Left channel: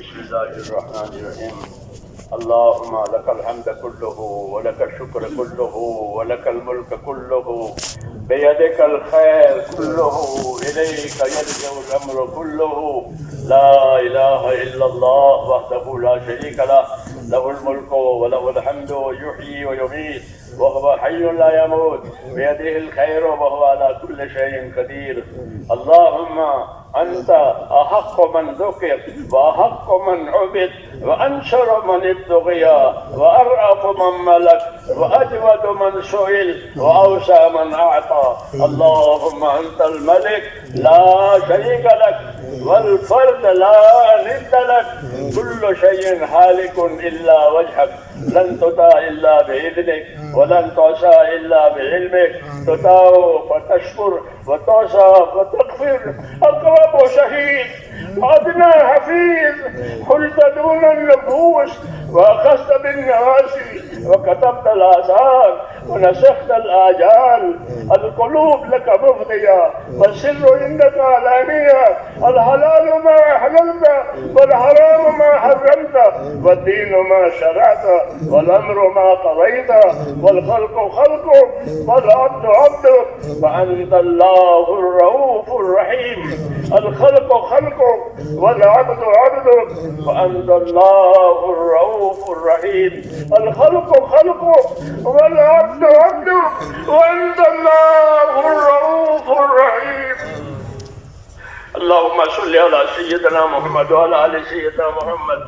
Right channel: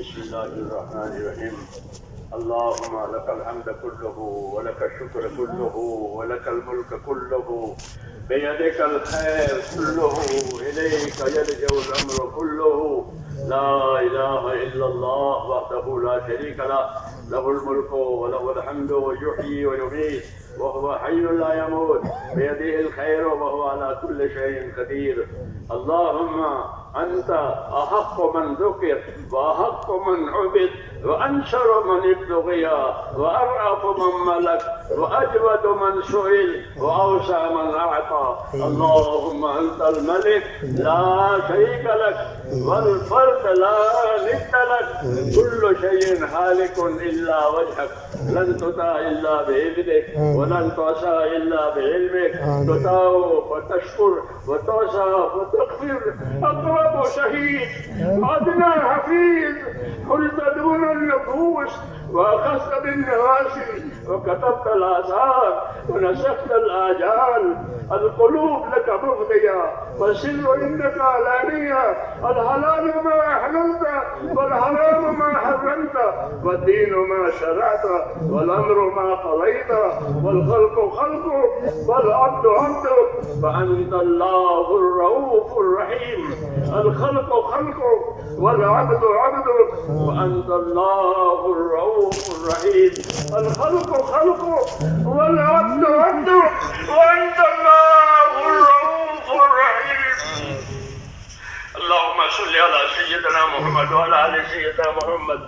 بسم الله الرحمن الرحيم. اللهم لك الحمد كله ولك الشكر كله ولك الملك كله بيدك الخير كله إليك يرجع الأمر كله. لا إله إلا الله وحده لا شريك له، له الملك وله الحمد يحيي ويميت وهو حي لا يموت، بيده الخير وهو على كل شيء قدير. اللهم أنت أحق من ذكر وأحق من عبد وأنشر من ابتغي وأرأف من ملك وأجود من سئل وأوسع من أعطى. اللهم أنت الملك لا شريك لك والفرد لا ند لك، كل شيء هالك إلا وجهك، لن تطاع إلا بإذنك ولن تعصى إلا بعلمك، تطاع فتشكر وتعصى فتغفر. أقرب شهيد أدنى حفيظ، حلت دون النفوس وأخذت بالنواسي وكتبت الآثار ونسخت الآجال. القلوب لك مفضية والسر عندك علانية، الحلال ما أحللت والحرام ما حرمت والدين ما شرعت والأمر ما قضيت والخلق خلقك والعبد عبدك، فأنت الله الرؤوف الرحيم. الخلق خلقك والعبد عبدك، وأنت الله الرؤوف الرحيم. الخلق خلقك والعبد عبدك، وأنت الله الرؤوف الرحيم. اللهم صل على سيدنا محمد وعلى آل سيدنا محمد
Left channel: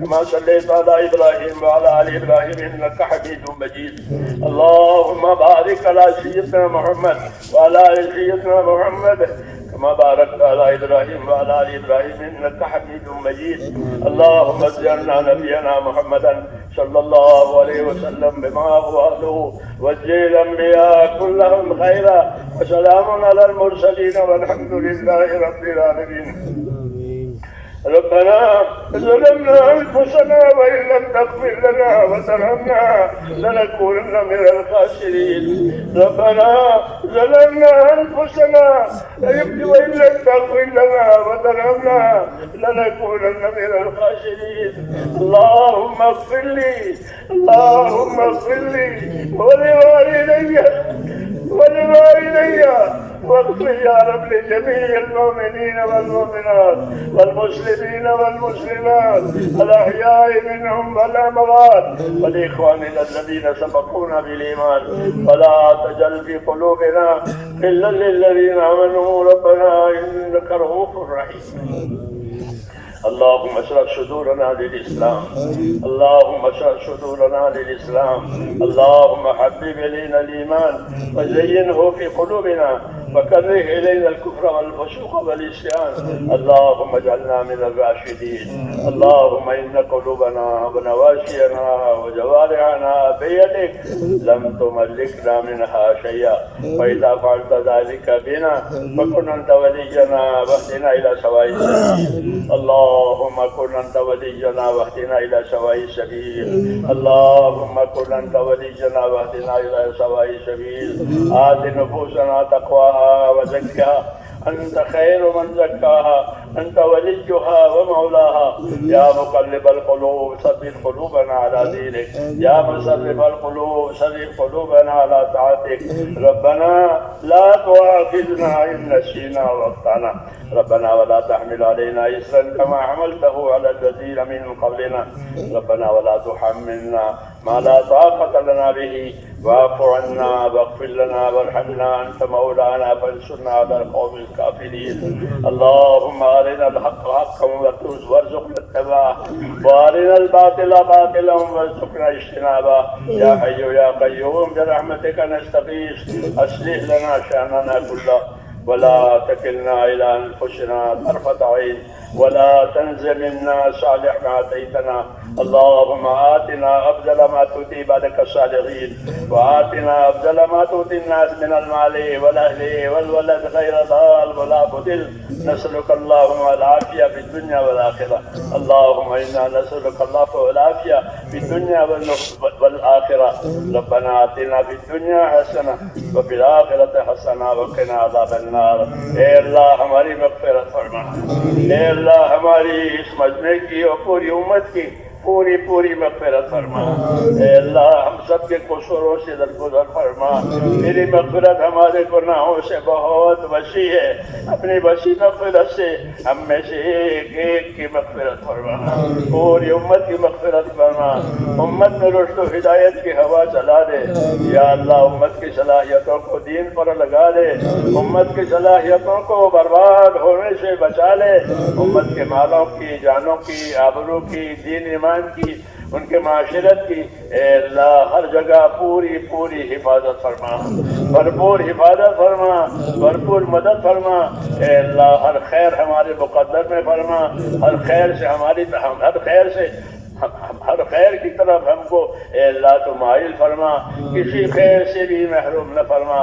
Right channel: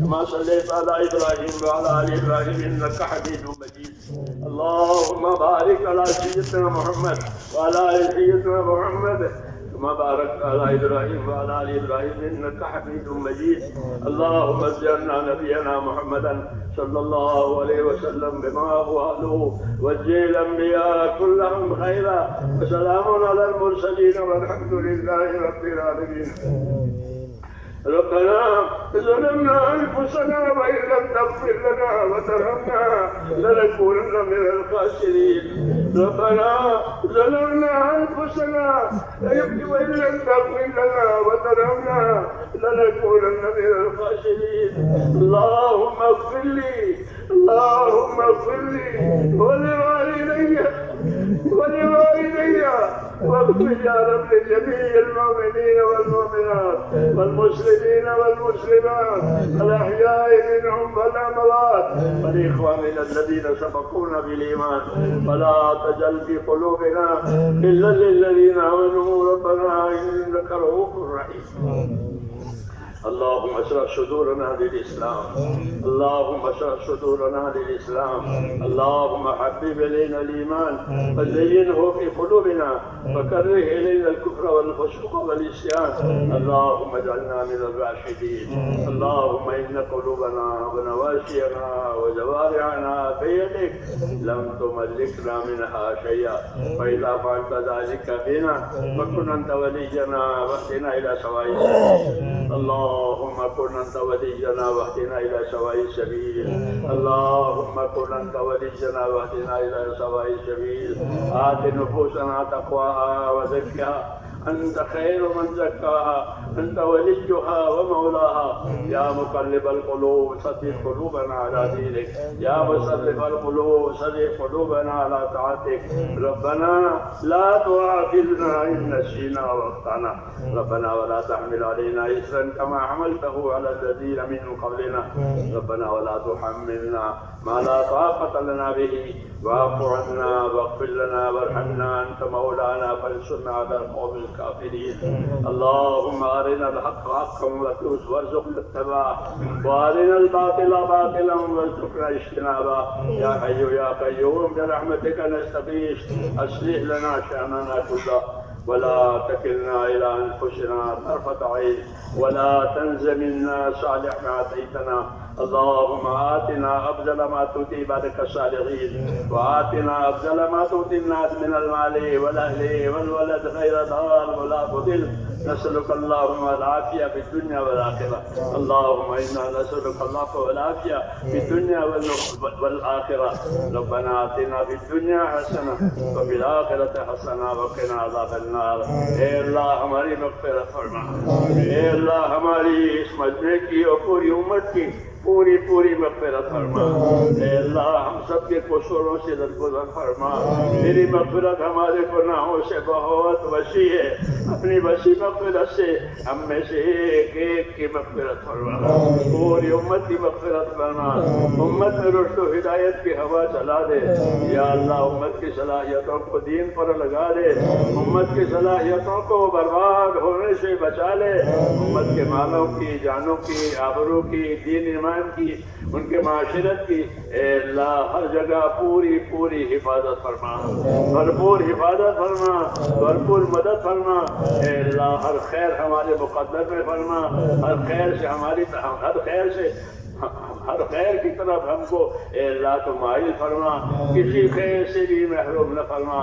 كما صليت على إبراهيم وعلى آل إبراهيم إنك حميد مجيد. اللهم بارك على سيدنا محمد وعلى آل سيدنا محمد كما باركت على إبراهيم وعلى آل إبراهيم إنك حميد مجيد. اللهم اجعلنا نبينا محمدا صلى الله عليه وسلم بما هو أهله، واجعل الأنبياء كلهم خيرا، وسلام على المرسلين والحمد لله رب العالمين. ربنا ظلمنا أنفسنا وإن لم تغفر لنا وترحمنا لنكونن من الخاسرين. ربنا ظلمنا أنفسنا وإن لم تغفر لنا وترحمنا لنكونن من الخاسرين. اللهم اغفر لي، اللهم اغفر لي ولوالدي واغفر يا رب لجميع المؤمنين والمؤمنات والمسلمين والمسلمات الأحياء منهم والأموات، ولإخواننا الذين سبقونا بالإيمان، ولا تجعل في قلوبنا غلا للذين آمنوا ربنا إنك رؤوف رحيم. اللهم اشرح صدورنا للإسلام، اللهم اشرح صدورنا للإسلام. اللهم حبب إلينا الإيمان وزينه في قلوبنا وكره إلينا الكفر والفسوق والعصيان. اللهم اجعلنا من الراشدين. اللهم إن قلوبنا ونواسينا وجوارحنا بيدك لم تملكنا منها شيئا، فإذا فعلت ذلك بنا فكن أنت ولينا واهدنا إلى سواء السبيل. اللهم كن أنت ولينا واهدنا إلى سواء السبيل. اللهم كن أنت ولينا واهدنا إلى سواء السبيل. آت نفوسنا تقواها وزكها، أنت خير من زكاها، أنت وليها ومولاها. يا مقلب القلوب ثبت قلوبنا على دينك، يا مصرف القلوب صرف قلوبنا على طاعتك. ربنا لا تؤاخذنا إن نسينا واخطأنا، ربنا ولا تحمل علينا إصرا كما حملته على الذين من قبلنا، ربنا ولا تحملنا ما لا طاقة لنا به، واعف عنا واغفر لنا وارحمنا، أنت مولانا فانصرنا على القوم الكافرين. اللهم أرنا الحق حقا وارزقنا اتباعه، وأرنا الباطل باطلا وارزقنا اجتنابه. يا حي يا قيوم برحمتك نستغيث، أصلح لنا شأننا كله ولا تكلنا إلى أنفسنا طرفة عين، ولا تنزل منا صالح ما أتيتنا. اللهم آتنا أفضل ما تؤتي عبادك الصالحين، وآتنا أفضل ما تؤتي الناس من المال والأهل والولد غير ضال ولا بدل، نسألك اللهم العافية في الدنيا والآخرة. اللهم إنا نسألك العفو والعافية في الدنيا والآخرة. ربنا آتنا في الدنيا حسنة وفي الآخرة حسنة وقنا عذاب النار. اے اللہ ہماری مغفرت فرما. اے اللہ ہماری اس مجمع کی اور پوری امت کی پوری مغفرت فرما. اے اللہ ہم سب کے قصوروں سے درگزر فرما. میری مغفرت ہمارے گناہوں سے بہت وسیع ہے. اپنی وسیع مغفرت سے ہم میں سے ایک ایک کی مغفرت فرما. پوری امت کی مغفرت فرما. امت میں رشد و ہدایت کی ہوا چلا دے. یا اللہ امت کی صلاحیتوں کو دین پر لگا دے. امت کی صلاحیتوں کو برباد ہونے سے بچا لے. امت کے مالوں کی، جانوں کی، آبرو کی، دین ایمان کی، ان کے معاشرت کی اے اللہ ہر جگہ پوری حفاظت فرما. بھرپور حفاظت فرما، بھرپور مدد فرما. اے اللہ ہر خیر ہمارے مقدر میں فرما. ہر خیر کی طرف ہم کو اے اللہ تو مائل فرما. کسی خیر سے بھی محروم نہ فرما.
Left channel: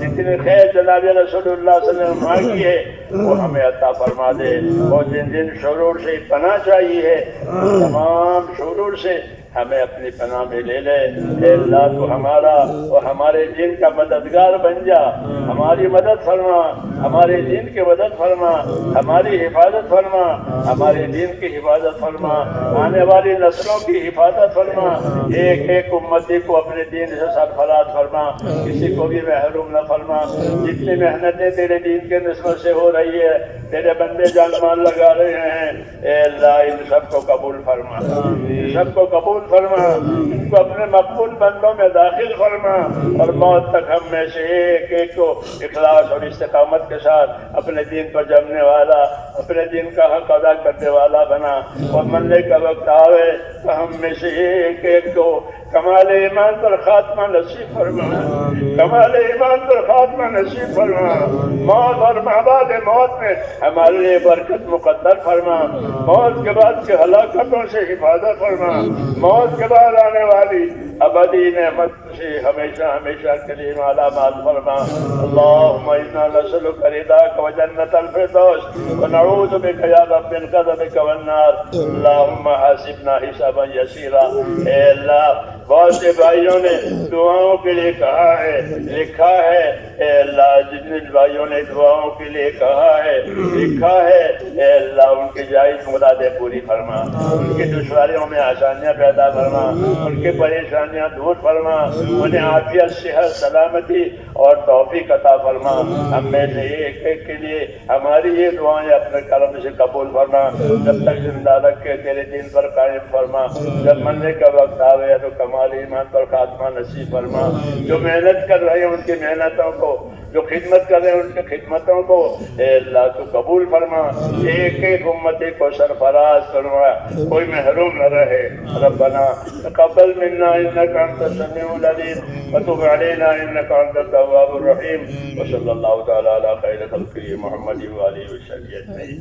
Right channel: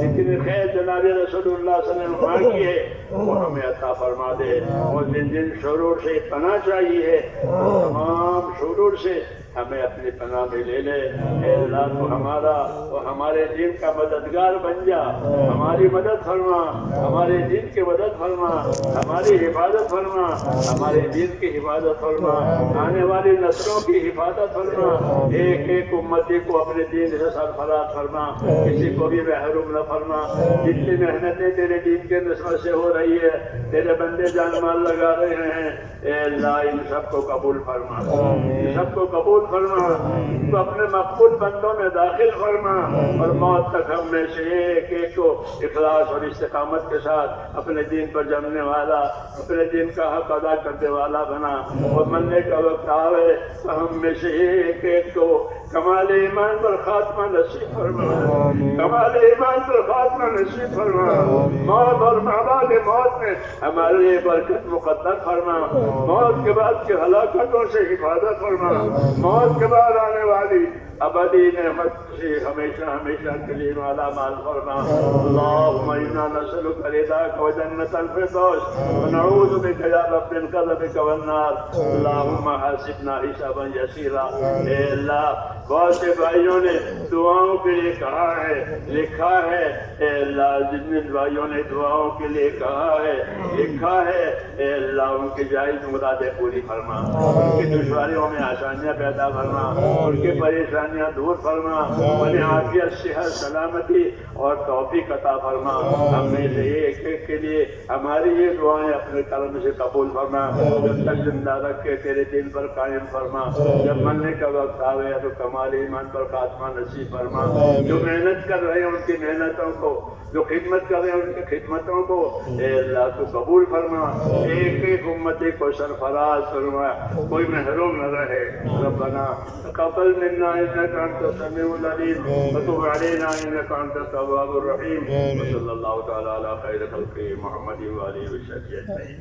جتنی خیر جناب رسول اللہ صلی اللہ علیہ وسلم مانگی ہے وہ ہمیں عطا فرما دے. اور جن شرور سے پناہ چاہیے ان تمام شرور سے ہمیں اپنی پناہ میں لے لے. اے اللہ تو ہمارا اور ہمارے دین کا مددگار بن جا. ہماری مدد فرما، ہمارے دین کی مدد فرما، ہماری حفاظت فرما، ہمارے دین کی حفاظت فرما، آنے والی نسلوں کی حفاظت فرما. ایک ایک امتی کو اپنے دین سے سرفراز فرما. کسی کو بھی محروم نہ فرما. جتنی محنتیں تیرے دین کے نسبت سے ہو رہی ہے، تیرے بندے جان مال لگا رہے ہیں، اے اللہ ان سب کو قبول فرما. ان سب کو قبول فرما. ان کو اپنے مقبول بندوں میں داخل فرما. اور موت تک ہم میں سے ایک ایک کو اخلاص اور استقامت کے ساتھ اپنے دین پر جمنے والا، اپنے دین کا حق ادا کرنے والا بنا. اور مرنے کا وقت آوے تو ہم میں سے ایک ایک کو کمال ایمان پر خاتمہ نصیب فرما. کمال ایمان پر خاتمہ نصیب فرما. موت اور بعد موت میں ہمارے لیے برکت مقدر فرما. موت کے بعد کے ہلاکتوں سے حفاظت فرما. موت کے بعد آنے والی ابدی نعمت سے ہمیشہ کے لیے مالا مال فرما. اللہم انا نسألک رضاک و جنت الفردوس و نعوذ بک یا رب من غضبک والنار. اللہم حاسبنا حسابا یسیرا. اے اللہ بہت سے بھائیوں نے دعاؤں کے لیے کہا ہے، لکھا ہے. اے اللہ جن بھائیوں نے دعاؤں کے لیے کہا ہے، لکھا ہے، اے اللہ ان کی جائز مرادیں پوری فرما. ان کی دشواریوں میں آسانیاں پیدا فرما. ان کی پریشانیاں دور فرما. انہیں عافیت، صحت، سلامتی اور توفیق عطا فرما. ہم میں سے ایک ایک کے لیے ہماری یہ دعائیں اپنے کرم سے قبول فرما. جب تک زندہ رکھ کے تیرے دین پر قائم فرما. جب مرنے کا وقت آوے تو کمال ایمان پر خاتمہ نصیب فرما. جو محنت کر رہے ہیں ان کی محنتوں کو، جو خدمت کر رہے ہیں ان کی خدمتوں کو اے اللہ تو قبول فرما. ایک ایک امتی کو سرفراز فرما، کوئی محروم نہ رہے. ربنا تقبل منا انك انت السميع العليم وتب علينا انك انت التواب الرحيم. وصلى الله تعالى على خير خلقه محمد وآله وصحبه اجمعين.